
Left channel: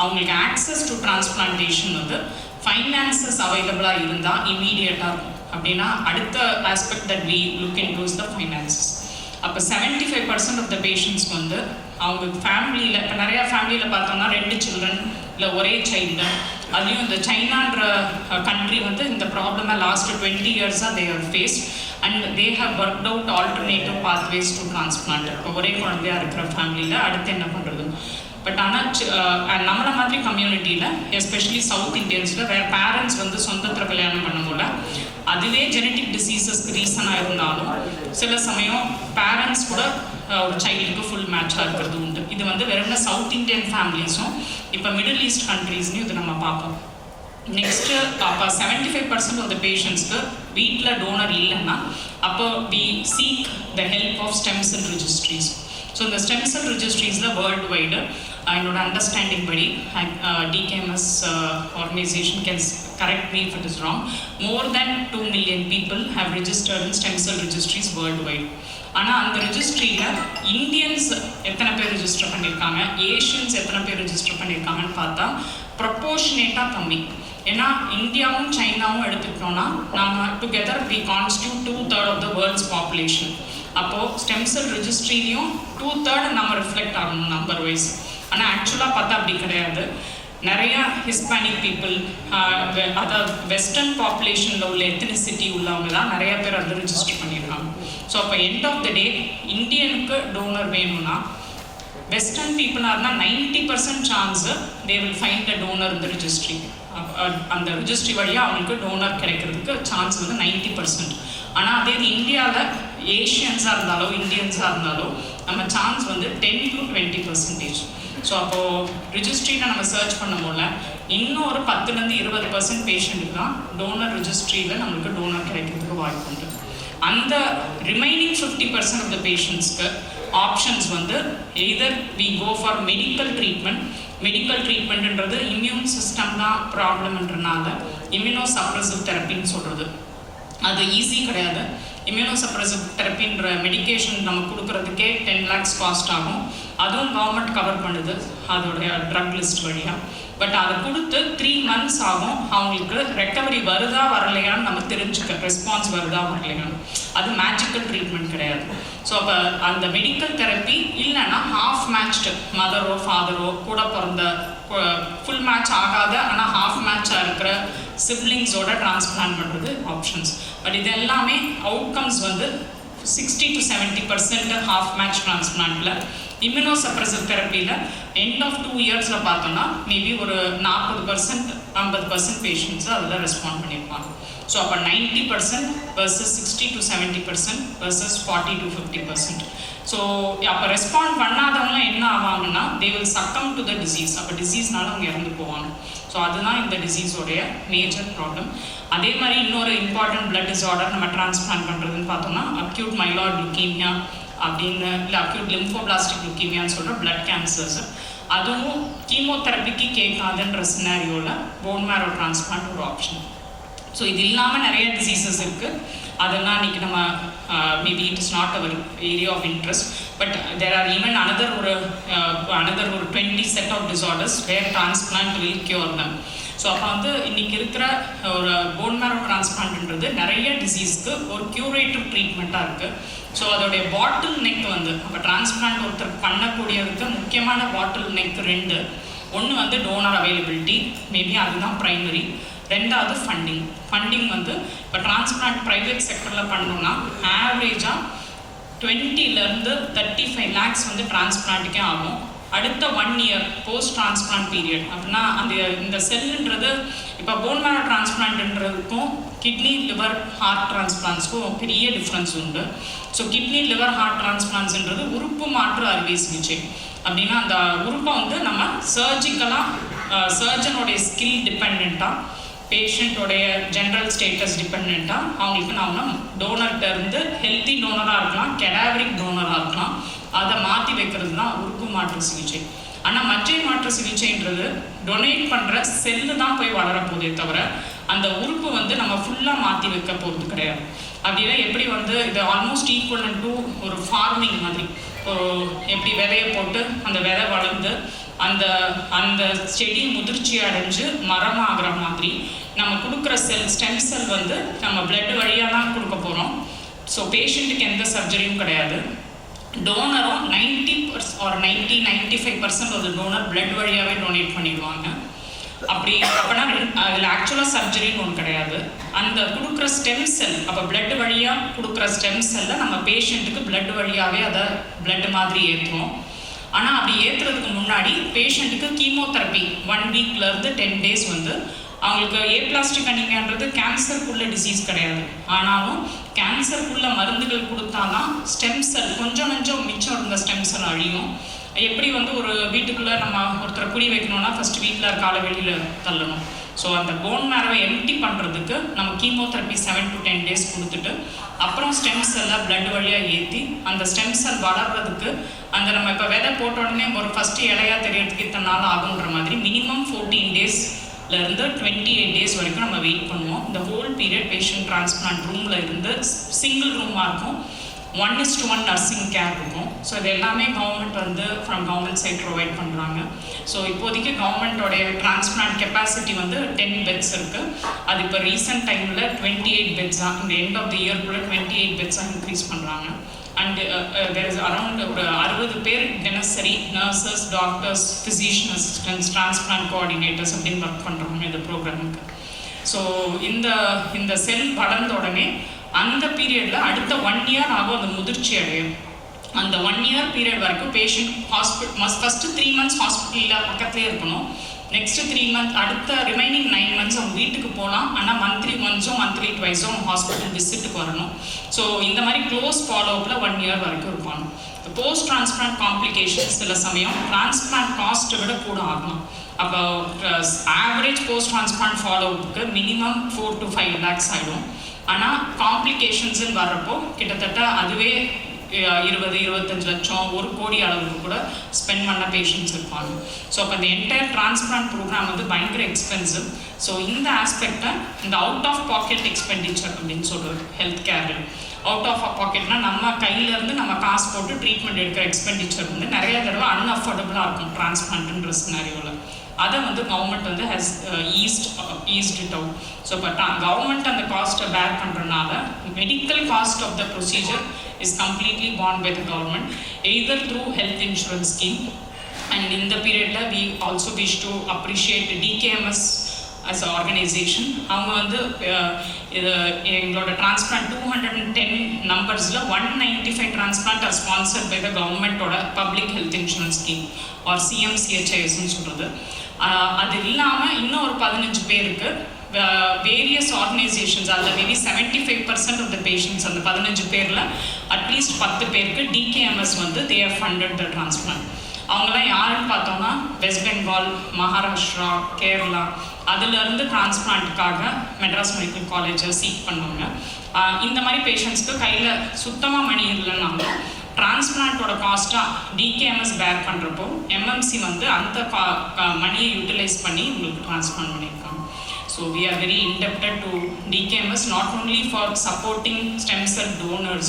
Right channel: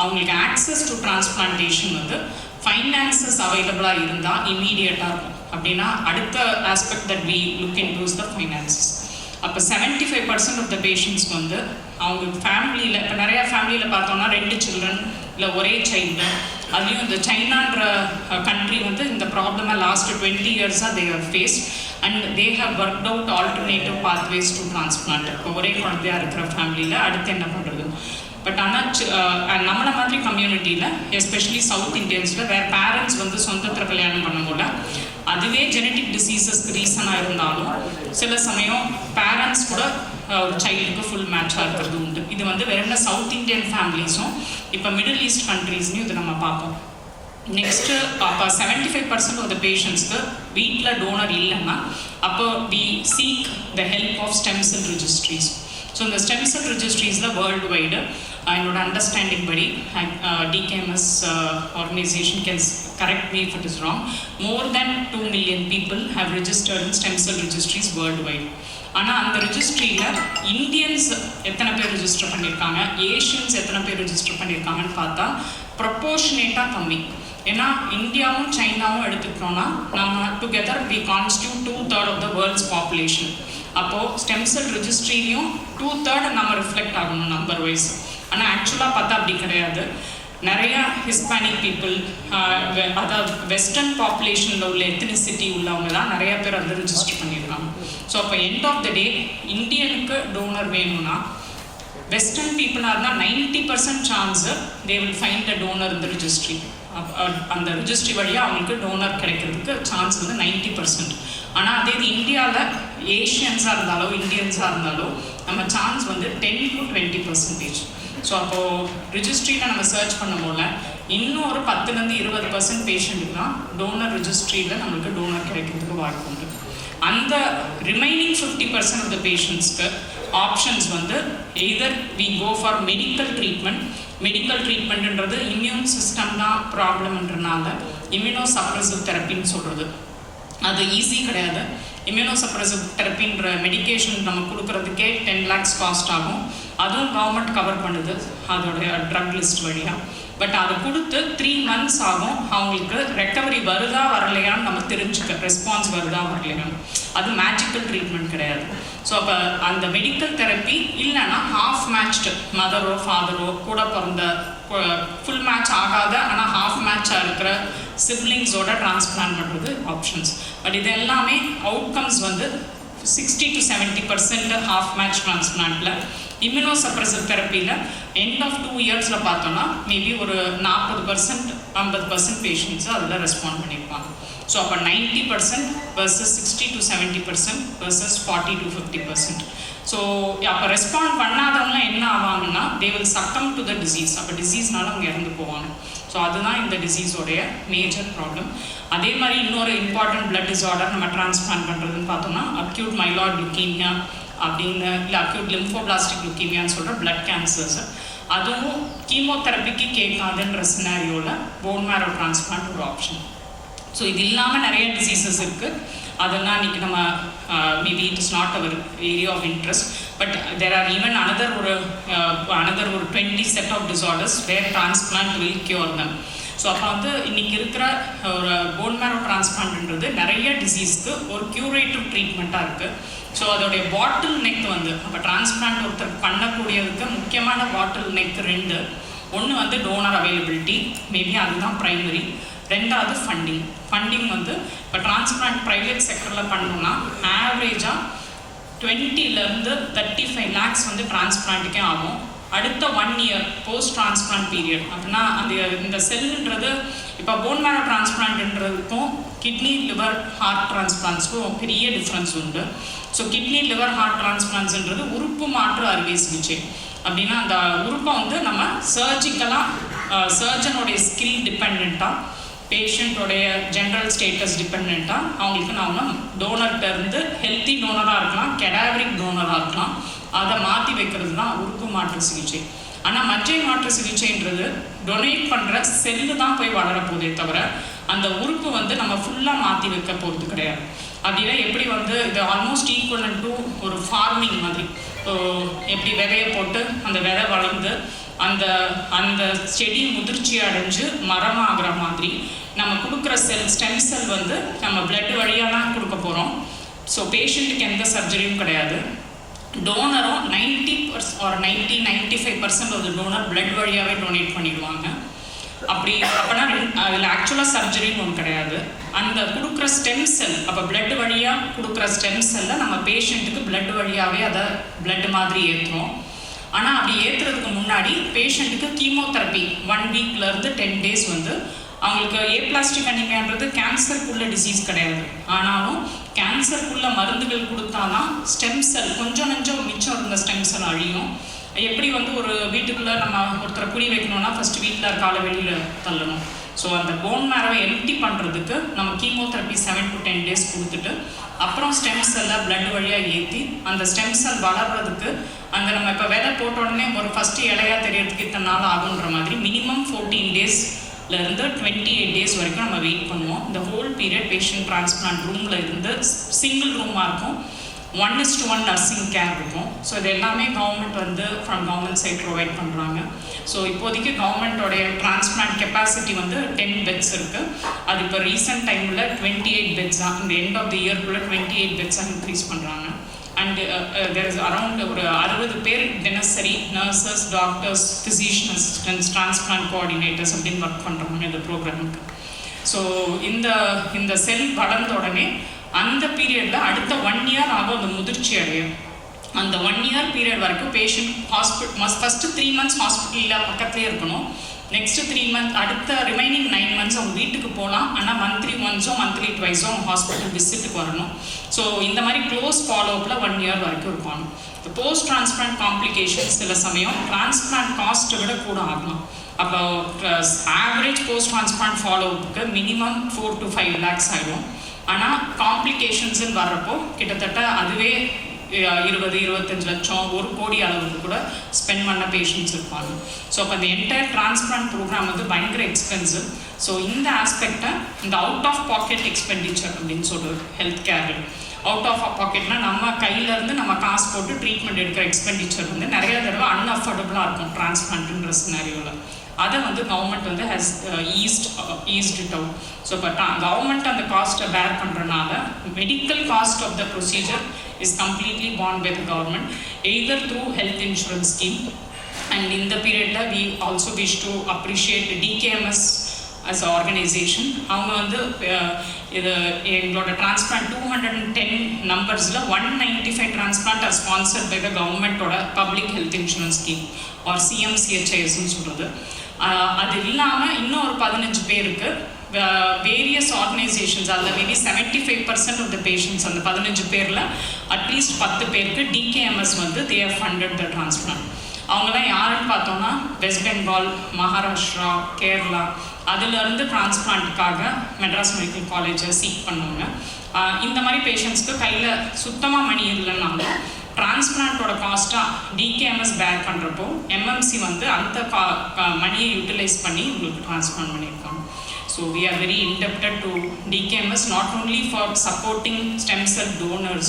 அவங்களுக்கு ஆக்சஸ் டு டிரான்ஸ்பிளான்டேஷன் வந்து ஃபைனான்சஸ் அவைலபிளாக இருந்தால் இம்மீடியட்டாக இருக்கும். அப்படின்னா அடுத்த aspect that we look into is the finances. அப்போ 75% ஆஃப் த பேஷண்ட்ஸ்க்கு வந்து அவங்க ஃபேமிலியில், இப்போ நிறையா ஃபேமிலியில் பார்த்தோம்னா 2 children இல்லை ஒரே சைல்டு, அதுலேயும் இந்த சைனான்ற கண்ட்ரி வந்து இந்த ப்ராப்ளமை லாஸ்ட் 20 years-ஆக they have faced and they have worked out alternative pathways to transplant. இப்போ ஒரே குழந்தையாக இருக்கிற ஃபேமிலியில் அடுத்து என்ன பண்ணுறது? பட் ஆனால் நம்மளை மாதிரி கம்யூனிட்டியில் எஸ்பெஷலி சவுத் இண்டியன்ஸில் வேறு பேரண்ட்ஸ் வந்து சொந்தத்தில் கல்யாணம் பண்ணும்போது அதுவே ஜெனட்டிக் டிசீசஸ்க்கு ரீசனாக இருந்தாலும் சில சமயம் பேரண்ட்ஸ் கூட ஒரு சைல்டுக்கு ஃபுல் மேட்சாக இருக்கிறது உண்டு. இது வந்து வெறும் சவுத் இண்டியன் ஃபேமிலிஸும் இப்போ மிடில் ஈஸ்ட் கண்ட்ரீஸ்லையும் இது நம்ம பார்ப்போம். நெக்ஸ்ட்டு அப்போ 75% ஆஃப் த பேஷண்ட்ஸ்க்கு வீட்டில் டோனர் இல்லைன்னா அப்போ we seek the help of stem cell registries. So இந்த ஸ்டெம் செல் ரிஜிஸ்ட்ரிஸில் வேர்ல்டு வைடு என்னோட அண்டர்ஸ்டாண்டிங் படி DKMS organisation can correct me if it is wrong, more than 2 million people have registered in stem cell registries worldwide. ஆனால் அந்த ரெஜிஸ்ட்ரியில் Indians எத்தனை பேர் register பண்ணியிருக்காங்க, Asians எத்தனை பேர் ரெஜிஸ்டர் பண்ணியிருக்காங்கன்னு பார்த்தா ப்ரொப்போர்ஷனேட்டாக கம்மி. ஏன்னா இந்தியாவும் சைனாவும் எடுத்துக்கிட்டோம்னா நம்ம together we constitute 2/3 of the world's population. அப்போது ஸ்டெம் செல் ரெஜிஸ்ட்ரிலையும் 2/3 நம்ம ரிஃப்ளெக்ட் ஆகணும் நம்பர் வைஸ். ஆனால் ஆக்சுவலாக பார்த்தா அப்படி கிடையாது. நிறையா ஹிஸ்பானிக் பீப்புள், அதாவது வெஸ்டர்ன் பாப்புலேஷனில் உள்ள எத்தனிசிட்டி உள்ளவங்க தான் நிறைய பேர் வந்து ரிஜிஸ்டர் பண்ணியிருக்காங்க. ஸோ அப்போ எண்ட் ஆஃப் த டே இந்தியனுக்கு டோனர் வேணும்னா வெஸ்டர்ன் பீப்புளாக இருந்தால் 90% chance they will find a donor இந்த ரிஜிஸ்ட்ரி. அந்த ரிஜிஸ்ட்ரி வழியாக அவங்களுக்கு டோனர் கிடைக்கிறதுக்கு சான்ஸ் வந்து 90%. ஆனால் அதே இது இந்தியாவில் ஏஷியன்ஸாக இருந்தாலோ இந்தியன்ஸாக இருந்தாலோ நம்ம சான்ஸ் வந்து 10 to 20%. ஸோ அப்போது ரிஜிஸ்ட்ரியில் நம்ம சர்ச் பண்ணும்போது இன்னும் ஒரு 10-20% பேஷண்ட்டுக்கு தான் டோனர் ரிஜிஸ்ட்ரியில் நம்மளுக்கு டோனர் கிடைக்கிறதுக்கு வாய்ப்பு உண்டு. அந்த ரிமைனிங் 50% ஆஃப் த பேஷண்ட்ஸ்க்கு ஆப்ஷன்ஸ் வந்து either we go for medical treatment. Medical ட்ரீட்மெண்ட்ன்றது இம்யூன் சிஸ்டம் தான் ப்ராப்ளம்ன்றனால இம்யூனோ சப்ரசிவ் தெரப்பின்னு சொல்கிறது. அது ஈஸி கிடையாது. இம்யூனோ சப்ரசிவ் தெரப்பின்ற மெடிக்கேஷன் நம்ம கொடுக்குறதுக்கே 10 lakhs காஸ்ட் ஆகும். அதுவும் கவர்மெண்ட் கவர் பண்ணுது அதோடைய ட்ரக் லிஸ்ட் வழியாக. பட் அதை கொடுத்து 3 months ஆகும் அவங்களுக்கு ரெக்கவரி வருதா வரலையான்னு நம்ம தெரிஞ்சுக்க, ரெஸ்பான்ஸ் வருதா வரலையான்னு. அது மேஜிக்கல் ட்ரீட்மெண்ட் கிடையாது. ஸோ அப்போ அந்த மெடிக்கல் தெரப்பி இல்லைன்னா ஹாஃப் மேட்ச்டு மதரோ ஃபாதரோ கூட பிறந்த ஃபுல் மேட்ச் ஆகாத ஆனால் ஹாஃப் மேட்சாக இருக்கிற சிப்ளிங்ஸோட டிரான்ஸ்பிளான்ட் பண்ணுறது ஆப்ஷன்ஸ். பட் இது எல்லாமே அவுட்கம்ஸ் வந்து 60 to 70% ஹாஃப் மேட்ச் டிரான்ஸ்பிளான்ட்டில். இம்யூனோ சப்ரசிவ் தெரப்பியில் எண்ட் ஆஃப் 2 yearsல பார்த்தோம்னா மேபி ஒரு 40% பேஷண்ட்ஸு அதில் ரெஸ்பாண்ட் பண்ணியிருப்பாங்க. ஸோ அப்போ 90% versus 60 to 70% versus 40 to 50%. So அப்போ ரெஸ்பாண்ட் பண்ணாதவங்க என்ன ஆவாங்கன்னா they will succumb to the disease. அப்போ டிசீஸ்னால அவங்க இறந்து போவாங்க. ஸோ அதுதான் இந்த டிசீஸோடைய மேஜர் ப்ராப்ளம். அதே மாதிரி இன்னொரு இம்பார்ட்டன்ட் பிளட் டிஸார்டர் நம்ம டிரான்ஸ்பிளான்ட் பண்ணுறதுன்னு பார்த்தோம்னா அக்யூட் மைலாய்ட் லுக்கீமியா அப்படின்னு, இல்லை அக்யூட் லிம்போபிளாஸ்டிக் லுக்கீமியான்னு சொல்கிற பிளட் கேன்சர்ஸ். அதுவும் கீமோதெரப்பிக்கு கேட்காதுன்ற சினாரியோவில் போன் மேரோ டிரான்ஸ்பிளான்ட் ஒரு ஆப்ஷன். ஸோ இது இல்லாமல் நிறைய டிசீசஸ் இருக்குது. அதெல்லாம் இன்றைக்கி நம்ம maybe it is not our area of interest. But there are even another ஒரு 20 set of disorders where transplant will cure them. So அப்போ வந்து இன்றைக்கி இருக்கிற ஒரு போன் மேரோ டிரான்ஸ்பிளான்ட்ன்றது நிறைய டிசீஸ்க்கு ஒரு க்யூரேட்டிவ் ட்ரீட்மெண்ட்டாக இருக்குது. ஸோ அதோடைய பாட்டில் நெக் வந்து அப்போ டிரான்ஸ்பிளான்ட் ஒருத்தர் பண்ணக்கூடியதுக்கு முக்கியமான பாட்டில் நெக் 2. ஒன்று வந்து டோனர் அவைலபிலிட்டி, மேபி அதுதான் ப்ரைமரி. ரெண்டாவது ஃபண்டிங் வந்து இப்போ டிரான்ஸ்பிளான்ட் ப்ரைவேட் செக்டரில் பண்ணோம்னா ஆவரேஜாக 20 to 35 lakhs வந்து டிரான்ஸ்பிளான்ட்டுக்கே ஆகும். அடுத்த 1 year போஸ்ட் டிரான்ஸ்பிளான்ட் பீரியட் அப்படின்னா இந்த செல்லுன்றது இப்போ போன் மேரோ டிரான்ஸ்பிளான்ட்ன்றதுக்கும் கிட்னி லிவர் ஹார்ட் டிரான்ஸ்பிளான்ட்ஸ்க்கும் பெரிய டிஃப்ரென்ஸ் உண்டு. ஸோ கிட்னி லிவர் ஹார்ட் டிரான்ஸ்பிளான்ட்ஸ்ன்றது உறுப்பு மாற்று அறுவை சிகிச்சை. அப்படின்னா அந்த உறுப்பை வந்து நம்ம சர்ஜனோடைய ஸ்கில் டிபெண்ட்டாக, பேஷண்ட்டோடைய ஜென்ரல் ஸ்டேட்டஸ் டிபெண்ட்டாக அவங்களுக்கு நாம் டோனர்கிட்ட இருந்து ஹெல்த்தி டோனராக இருக்கலாம், கெடாவரிக் டோனராக இருக்கலாம், அதை மாற்றி வைக்கிறது தான் உறுப்பு மாற்று சிகிச்சை. ஆனால் மற்ற மாற்று சிகிச்சைன்றது டொனேட் பண்ணுற செல்லு தான் போய் வளரப்போதே தவிர அந்த உறுப்பு வந்து நம்ம ஃபுல்லாக மாற்றி வைக்க போகிறது கிடையாது. அப்படின்னா எப்படி வந்து இது ஆல்மோஸ்ட் ஈக்குவல் டு ஒரு ஃபார்மிங் மாதிரி. எப்படி விதையை போட்டு அந்த விதை வளர்ந்து அந்த செடி முதிர்ச்சி அடைஞ்சு மரமாகிற மாதிரி நம்ம கொடுக்குற ஸ்டெம் செல் வந்து நம்ம பிளட் வழியாக தான் கொடுக்க போகிறோம். ஸோ பேஷண்ட்டுக்கு எந்த சர்ஜரியும் கிடையாது. டோனரும் 90-95% ஒரு டோனர் பிளட் வழியாகவே டொனேட் பண்ணிடுவாங்க. அப்படின்னா அதில் ஆக்சுவலாக சர்ஜரின்னு ஒன்று கிடையாது. அந்த கொடுக்குற ஸ்டெம் செல், அப்போ பிளட் வழியாக கொடுக்குற ஸ்டெம் செல்லை நம்ம பேஷண்ட்டுக்கு பிளட் வழியாகவே அதை பிளட் மாதிரி ஏற்றுறோம். ஆனால் அப்படி ஏற்றுறதுக்கு முன்னாடி பேஷண்ட்டுக்கு கீமோதெரப்பி 1 weekலேருந்து 10 days வந்து அவங்களுக்கு ஏப்ளாஸ்டிக் அனீமியான்றது கேன்சருக்குள்ள டிசீஸ் கிடையாது. ஆனாலும் கேன்சருக்குள்ள மருந்துகள் கொடுத்தாதான் ஸ்டெம் செல் கொஞ்சம் மிச்சம் இருந்த ஸ்டெம் செல் அழியும். எப்படி வந்து ஒரு வீட்டுக்குள்ளே நம்ம ஒருத்தரை குடி வைக்கணும்னா ஃபஸ்ட்டு வீட்டில் இருக்க ஆளை வெளியில் தள்ளணும். ஸோ அந்த போன் மேரோவை எம்டி பண்ணுறதுக்கு நம்ம கீமோதெரப்பி 7 to 10 days கொடுத்துட்டு அப்புறம் ஸ்டெம் செல்லை பிளட் வழியாக ஏற்றி அந்த ஸ்டெம் செல் வளர்கிறதுக்கு அந்த நம்ம இப்போ விதை போட்ட உடனே ஒரு ஃபஸ்ட்டு இலையாக தெரியறதுக்கு இத்தனை நாள் ஆகுன்ற மாதிரி மினிமம் 14 daysலேருந்து 28 days வரைக்கும் நம்ம வெயிட் பண்ணுவோம். இந்த ஹோல் பீரியட் பேஷண்ட் டிரான்ஸ்பிளான்ட் ரூமில் இருந்து சிங்கிள் ரூமாக இருக்கும், 1:1 நர்சிங் கேர் இருக்கும். ஸோ இது எல்லாமே கவர்மெண்ட் வந்து ஃப்ரம் கவர்மெண்ட் சைட் ப்ரொவைட் பண்ணுறாங்க. ஸோ இப்போதைக்கு கவர்மெண்ட்டோடைய டிரான்ஸ்பிளான்ட் கெப்பாசிட்டி வந்து 10 beds இருக்குது. அது இப்போ ரீசெண்ட் டைமில் 28 beds இந்த எண்ட் ஆஃப் த இயர்க்குள்ளே 28 beds இன்க்ரீஸ் பண்ணுறாங்க. and there is around 60 பேர் தினசரி nurses, doctors, physician assistants, transplant coordinators அப்படின்னு ஒர்க் பண்ணுறாங்க இந்த ப்ரோக்ராமுக்கு. ஸோ இந்த செல் வளர்ந்த உடனே அந்த பீரியடில் அடுத்த 1 year ஆகும் அந்த முதிர்ச்சி அடையும். அந்த 1 year பீரியட் வரைக்கும் பேஷண்ட் ஃபஸ்ட்டு 3 months ஹாஸ்பிட்டலில் பக்கத்துலேயே இருக்கணும். நெக்ஸ்ட்டு 3 months, அடுத்த ரிமைனிங் 9 months அவங்க வீட்டுக்கு போகலாம். ஆனால் மந்த்லி ஒன்ஸும் மந்த்லி ட்வைஸும் அவங்க ஹாஸ்பிட்டல் விசிட்டுக்கு வரணும். ஸோ இந்த மாதிரி க்ளோஸ் ஃபாலோஅப்பில் 1 year வரைக்கும் இருப்பாங்க. இந்த போஸ்ட் டிரான்ஸ்பிளான்ட் காம்ப்ளிகேஷன்ஸ் சில சமயம் டிரான்ஸ்பிளான்ட் காஸ்ட்டை விட கூட ஆகலாம். அப்போ ஆவரேஜ் போஸ்ட் டிரான்ஸ்பிளான்ட் ஃபாலோஅப்புக்கு மினிமம் 4 to 5 lakhs ஆகிடும். ஆனால் காம்ப்ளிகேஷன்ஸ்ன்னு வர்றப்போ கிட்டத்தட்ட அதுவே 20-25 லட்சம் 1 கோடி அளவுக்கு கூட ஸ்பெண்ட் பண்ண பேஷண்ட்ஸ் இருப்பாங்க. ஸோ அப்போ இந்த என்டையர் டிரான்ஸ்பிளான்ட் ப்ரோக்ராம் வந்து பயங்கர எக்ஸ்பென்சிவ். ஸோ இந்த ஆஸ்பெக்டை இந்த அவுட் ஆஃப் பாக்கெட் எக்ஸ்பெண்டிச்சர் அப்படின்னு சொல்கிறது ஹெல்த் கேர். அவுட் ஆஃப் பாக்கெட்னா நம்ம கையிலேருந்து நம்ம காசு போட்டு ட்ரீட்மெண்ட் எடுக்கிற எக்ஸ்பெண்டிச்சர் வந்து நிறைய தடவை அன்அஃபோர்டபுளாக இருக்கும் டிரான்ஸ்பிளான்ட்ன்ற சினாரியோவில். அதை வந்து கவர்மெண்ட் வந்து has eased it out. So இப்போ கவர்மெண்ட் அந்த காஸ்ட்டை பேர் பண்ணுறதுனால medical cost of the procedure is completely borne by the government, either through health insurance scheme. And in the period we also wish to appreciate DKMS as an organization. அவங்க வந்து இது எங்களோட transplant 210 நம்பர்ஸில் 195 transplant are sponsored by the கவர்மெண்ட்டோட public health insurance scheme or CMCHISன்னு சொல்கிறது. அது இல்லாமல் இன்னும் ஒரு 15 பேருக்கு வேரியஸ் ஆர்கனைசேஷன்ஸ், அதில் மேபி 75% ஆஃப் த பேஷண்ட்ஸ் அந்த 15 பேரில் அட்லீஸ்ட் 10 பேருக்கு DKMS வந்து they have funded the transplant. அவங்களாம் யாருன்னு பார்த்தோம்னா வெஸ்ட் பெங்கால், மகாராஷ்டிரா, கேரளா, அதுலேருந்து டிரான்ஸ்பிளான்ட்டுக்காக மெட்ராஸ் மெடிக்கல் காலேஜை சீக் பண்ணுவாங்க. இந்த மாதிரி பேஷண்ட்ஸ்க்கு கையில் சுத்தமாக மணி இல்லைன்னாங்க டிரான்ஸ்பிளான்ட்டோட காஸ்ட்டாக DKMS பேர் பண்ணுறப்போ MMC வந்து அந்த மணியை யூட்டிலைஸ் பண்ணி உங்களுக்கு டிரான்ஸ்பிளான்ட் பண்ணியிருக்காங்க. So we are very indebted to DKMS not only for supporting stem cell donors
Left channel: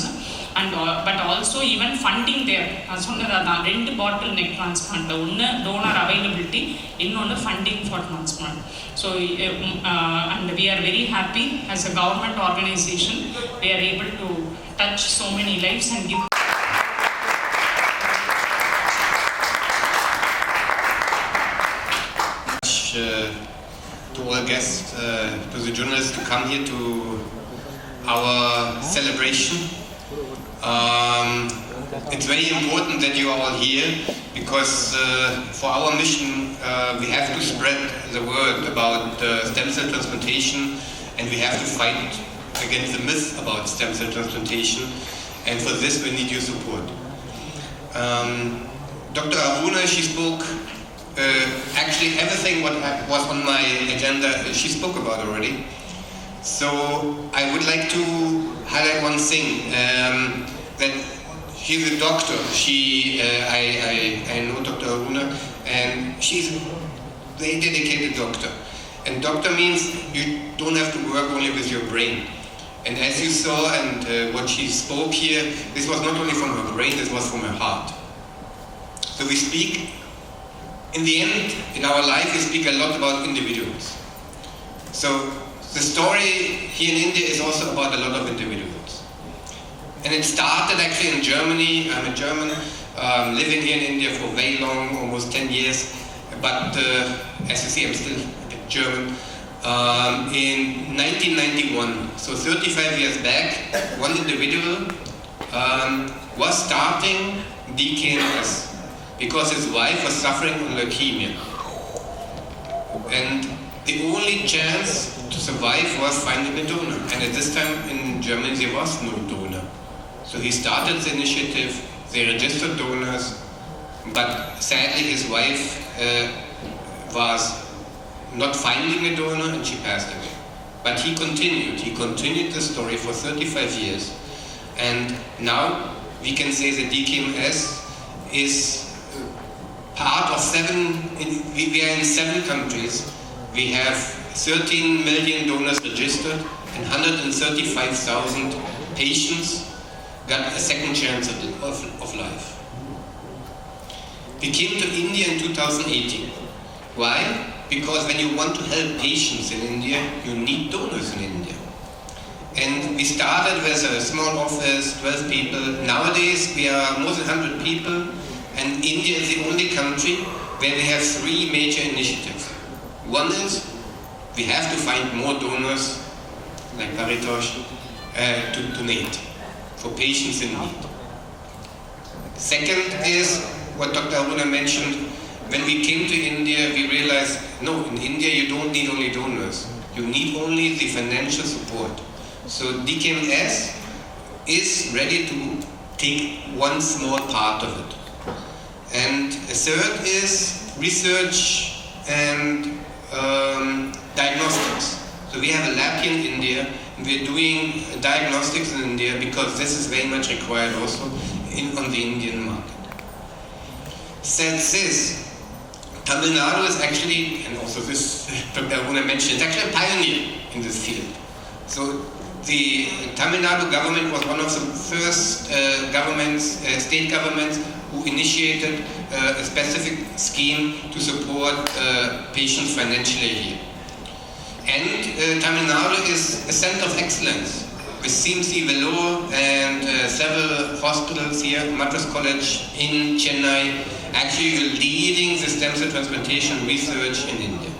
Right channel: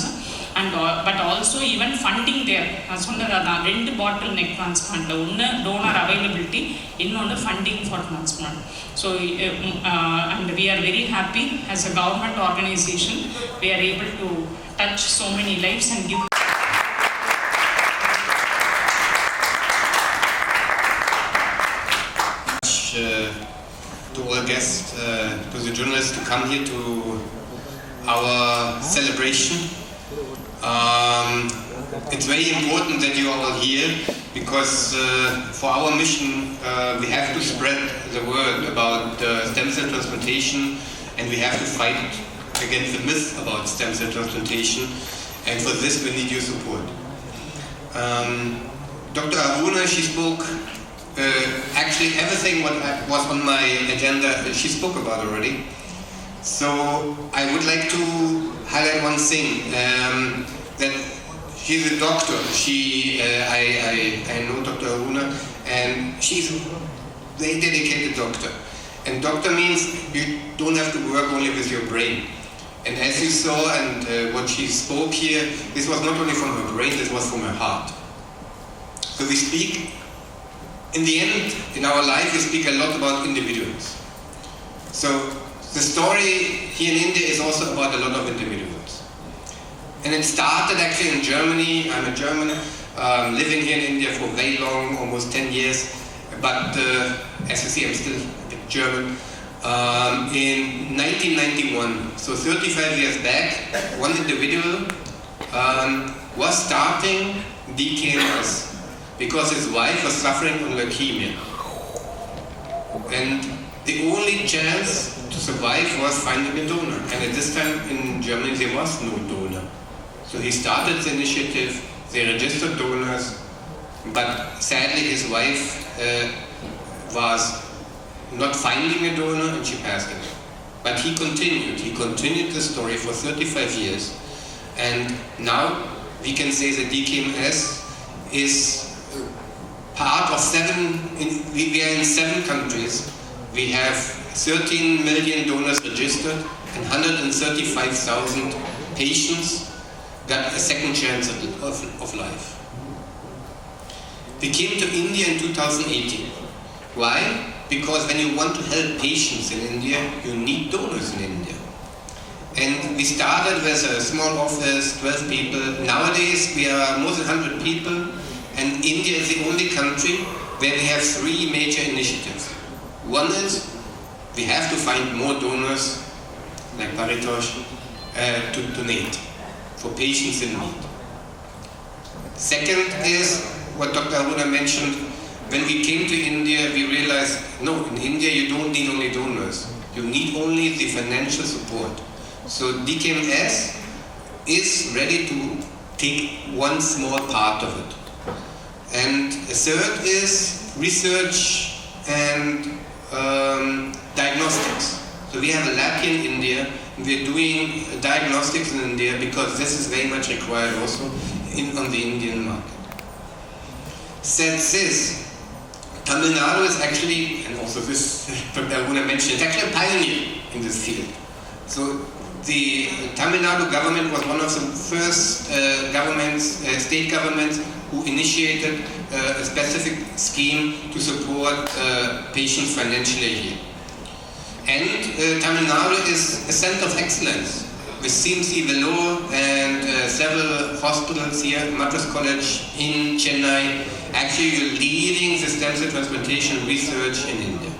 and but also even funding their சொன்னதான் 2 bottleneck transplant, ஒன்று donor availability, இன்னொன்று funding for transplant. So and we are very happy as a government organization we are able to touch so many lives and give to all guests, to the journalists to come here to our celebration. It's very important that you are all here because for our mission we have to spread the word about stem cell transplantation, and we have to fight against the myth about stem cell transplantation, and for this we need your support. Dr. Aruna, she spoke actually everything what was on my agenda she spoke about already. So I would like to highlight one thing, that she's a doctor. I know Dr. Aruna, and she's a very dedicated doctor. And doctor means you don't have to work only with your brain. And as you saw and what she spoke here, this was not only from her brain, this was from her heart. So we speak, in the end, in our life, we speak a lot about individuals. So the story here in India is also about a lot of individuals. And it started actually in Germany. I'm a German, living here in India for very long, almost 10 years. But as you see, I'm still German. In 1991, so 35 years back, one individual was starting DKMS. Because his wife was suffering from leukemia. And the only chance to survive was finding a donor. And at this time in Germany there was no donor. So he started the initiative, they registered donors, but sadly his wife was not finding a donor and she passed away. But he continued the story for 35 years. And now we can say that DKMS is part of we are in 7 countries. We have 13 million donors registered and 135,000 patients got a second chance of life. We came to India in 2018. Why? Because when you want to help patients in India, you need donors in India. And we started with a small office, 12 people. Nowadays we are more than 100 people, and India is the only country where we have 3 major initiatives. One is we have to find more donors like Paritosh to donate for patients in need. Second is what Dr. Aruna mentioned. When we came to India, we realized, no, in India you don't need only donors. You need only the financial support. So DKMS is ready to take one small part of it. And a third is research and diagnostics. So we have a lab here in India. We're doing diagnostics in India because this is very much required also on the Indian market. Since this, Tamil Nadu is actually, and also this, Dr. Aruna mentioned, it's actually a pioneer in this field. So the Tamil Nadu government was one of the first state governments who initiated a specific scheme to support patients financially here. And Tamil Nadu is a center of excellence with CMC Vellore and several hospitals here, Madras College in Chennai, actually leading the stem cell transplantation research in India.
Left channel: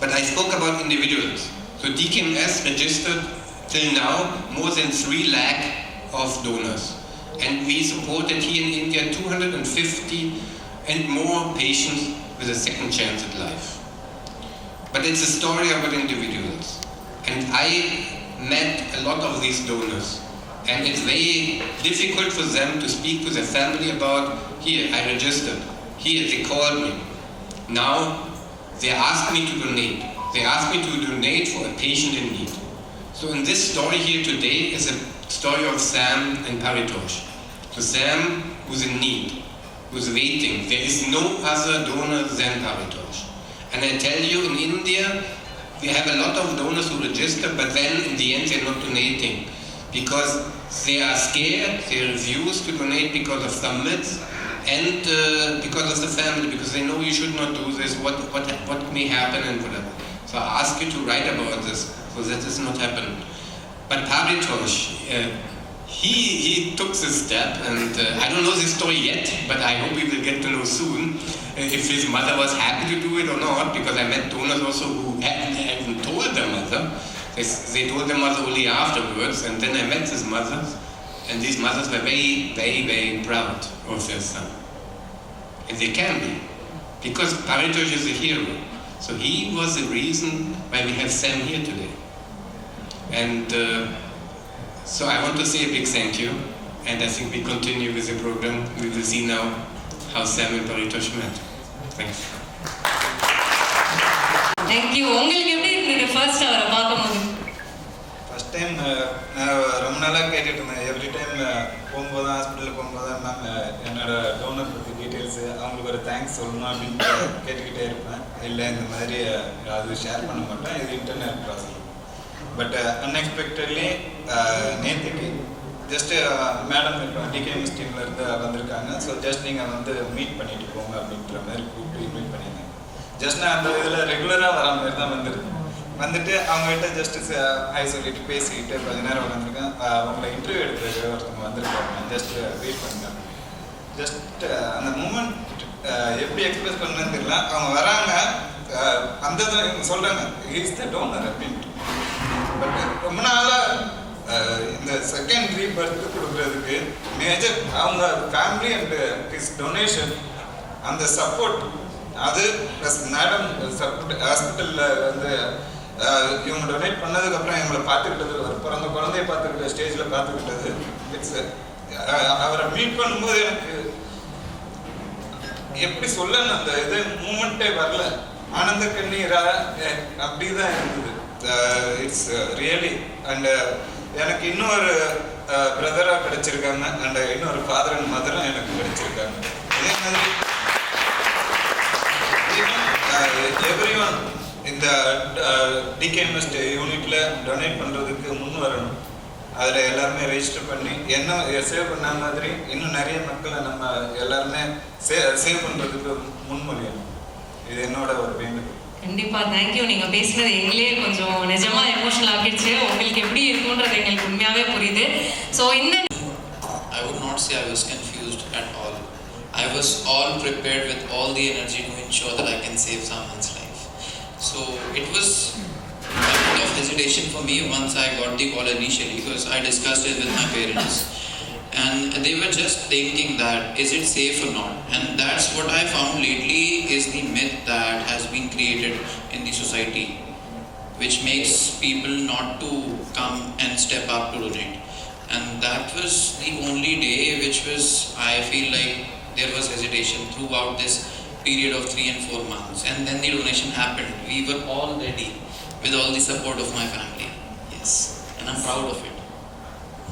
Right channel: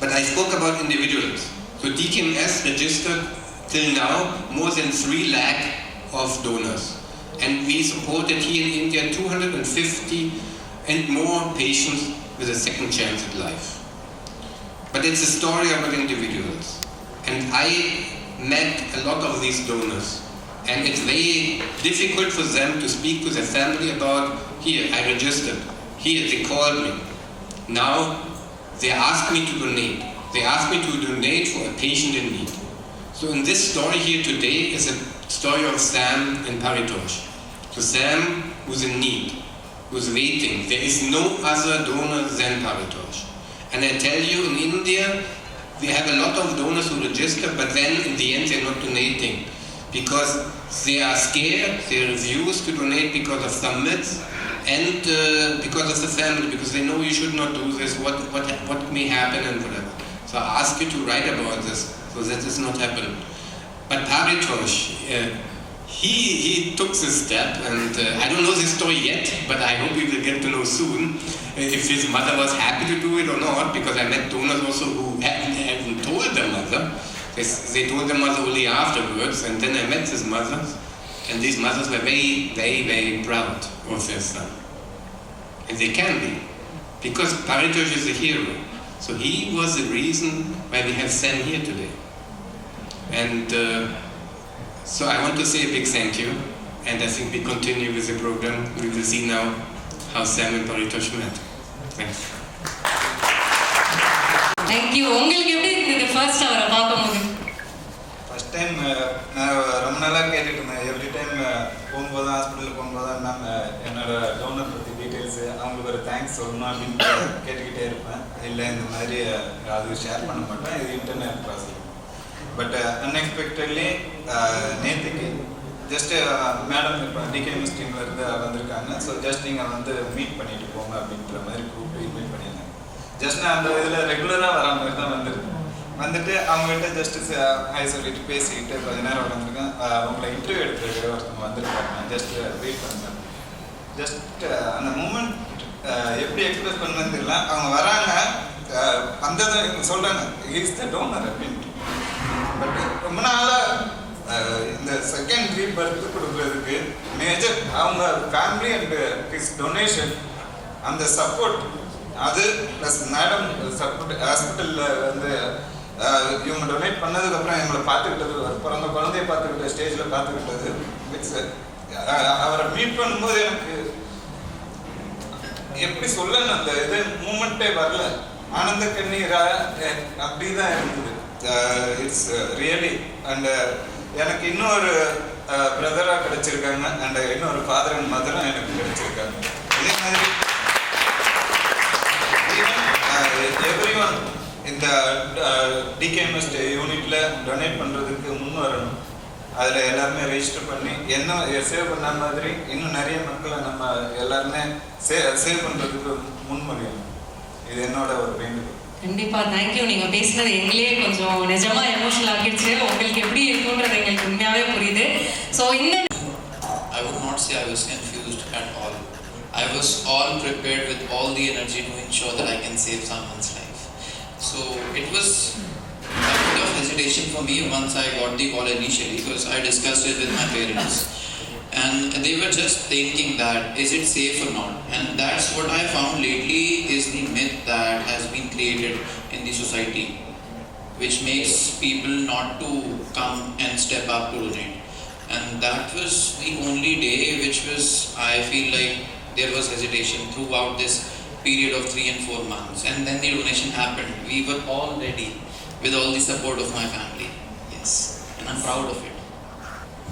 But I spoke about individuals. So DKMS registered till now more than 3 lakh of donors. And we supported here in India 250 and more patients with a second chance at life. But it's a story about individuals. And I met a lot of these donors. And it's very difficult for them to speak to their family about, here, I registered. Here, they called me. Now, they asked me to donate. They asked me to donate for a patient in need. So in this story here today is a story of Sam and Paritosh. So Sam who's in need, who's waiting. There is no other donor than Paritosh. And I tell you, in India, we have a lot of donors who register, but then in the end they're not donating because they are scared, they refuse to donate because of some myths and because of the family, because they know you should not do this, what may happen and whatever. So I ask you to write about this so that this not happen. But Paritosh, he took this step, and I don't know this story yet, but I hope we will get to know soon if his mother was happy to do it or not, because I met donors also who hadn't told their mother. They told their mother only afterwards, and then I met his mothers, and these mothers were very, very, very proud of their son. And they can be, because Paritosh is a hero. So he was the reason why we have Sam here today. And so I want to say a big thank you, and I think we continue with the program. We will see now how Sam and Paritosh met. Thanks. Thank you. உங்களுக்கு எப்படி இருந்தது first அவரை பார்க்கும்போது? First time நான் ரொம்ப நாளாக கேட்டுட்டு இருந்தேன். எவ்ரி டைம் போகும்போது ஹாஸ்பிட்டலுக்கு போகும்போது நான் என்னோட டோனர் பற்றி டீட்டெயில்ஸு அவங்களுக்கு ஒரு தேங்க்ஸ் சொல்லணும் அப்படின்னு கேட்டுக்கிட்டே இருப்பேன். இல்லை இந்த மாதிரி அது ஷேர் பண்ண மாட்டேன், இது இன்டர்னல் ப்ராசஸ். பட் அன்எக்ஸ்பெக்டட்லி நேற்றுக்கு ஜஸ்ட்டு மேடம் இப்போ டிகேஎம்எஸ் டீம்லேருந்து வந்திருக்காங்க. ஸோ ஜஸ்ட் நீங்கள் வந்து மீட் பண்ணிட்டு போங்க அப்படின்ற மாதிரி கூப்பிட்டு மீட் பண்ணியிருந்தேன். ஜஸ்ட் நான் அந்த இதில் ரெகுலராக வர மாதிரி தான் வந்துட்டு அவங்ககிட்ட ஜஸ்ட் ஹை சொல்லிட்டு பேசிக்கிட்டு கொஞ்ச நேரம் உட்காந்துருக்கேன். அவங்கள இன்டர்வியூ எடுத்துருக்கு ஒருத்தவங்க வந்திருக்காங்க. ஜஸ்ட் வெயிட் பண்ணுறேன். ஜஸ்ட் அந்த மூமெண்ட் எப்படி எக்ஸ்பிரஸ் பண்ணணும்னு தெரியல. அவங்க வராங்க, அந்த இவங்க சொல்கிறாங்க இஸ் த டோனர் அப்படின்ட்டு. பட் ரொம்ப நாளாக இந்த செகண்டரி பர்த் கொடுக்குறதுக்கு மேஜர் அவங்க ஃபேமிலி அண்ட் ஹிஸ் டொனேஷன், அந்த சப்போர்ட், அது ப்ளஸ் மேடம் சப்போர்ட் ஹாஸ்பிட்டலில் வந்து இவங்க டொனேட் பண்ணதுக்கப்புறம் எங்களை பார்த்துக்கிட்டது, பிறந்த குழந்தைய பார்த்துக்கிட்ட ஸ்டேஜில் பார்த்துக்கிட்டது, இட்ஸ் அவரை மீட் பண்ணும்போது எனக்கு எப்படி சொல்லணும், அந்த இது மூமெண்ட்டே வரல. ஆனந்த கண்ணீரா அப்படி தான் இருந்தது. It's really. அண்ட் எனக்கு இன்னொரு பிரதராக கிடைச்சிருக்காங்க, அண்ட் இன்னொரு ஃபாதர் அண்ட் மதரும் எனக்கு கிடைச்சிருக்காங்க. இதே மாதிரி எவ்ரிஒன் இந்த டிகேஎம்எஸ் யூனிட்ல டொனேட் பண்ணுறதுக்கு முன் வரணும். அதில் எல்லாருமே ரெஜிஸ்டர் பண்ணி என்ன சேவ் பண்ண மாதிரி இன்னும் நிறைய மக்களை நம்ம எல்லாருமே சேவ் பண்ணுறதுக்கு முன்மொழியணும். இது என்னோட ஒரு வேண்டுகோள். கண்டிப்பா தேங்க்யூ. நீங்க பேசுனது எங்களே கொஞ்சம் நிஜமா எமோஷனல் ஆகிடுச்சு. உங்களுக்கு எப்படி இருக்குன்றது எங்களுக்கு உண்மையாவே புரியுது. ஸோ இந்த I would not say I was confused at all. I was all prepared with all the energy to ensure that I can save someone's life. So it was a bit of hesitation for me once I got the call initially, because I discussed it with my parents and they were just thinking that is it safe or not, and that's what I found lately is the myth that has been created in the society, which makes people not to come and step up to donate. And that was the only day which was, I feel like there was hesitation throughout this period of 3 and 4 months, and then the donation happened. We were all ready with all the support of my family. Yes, and I'm proud of it.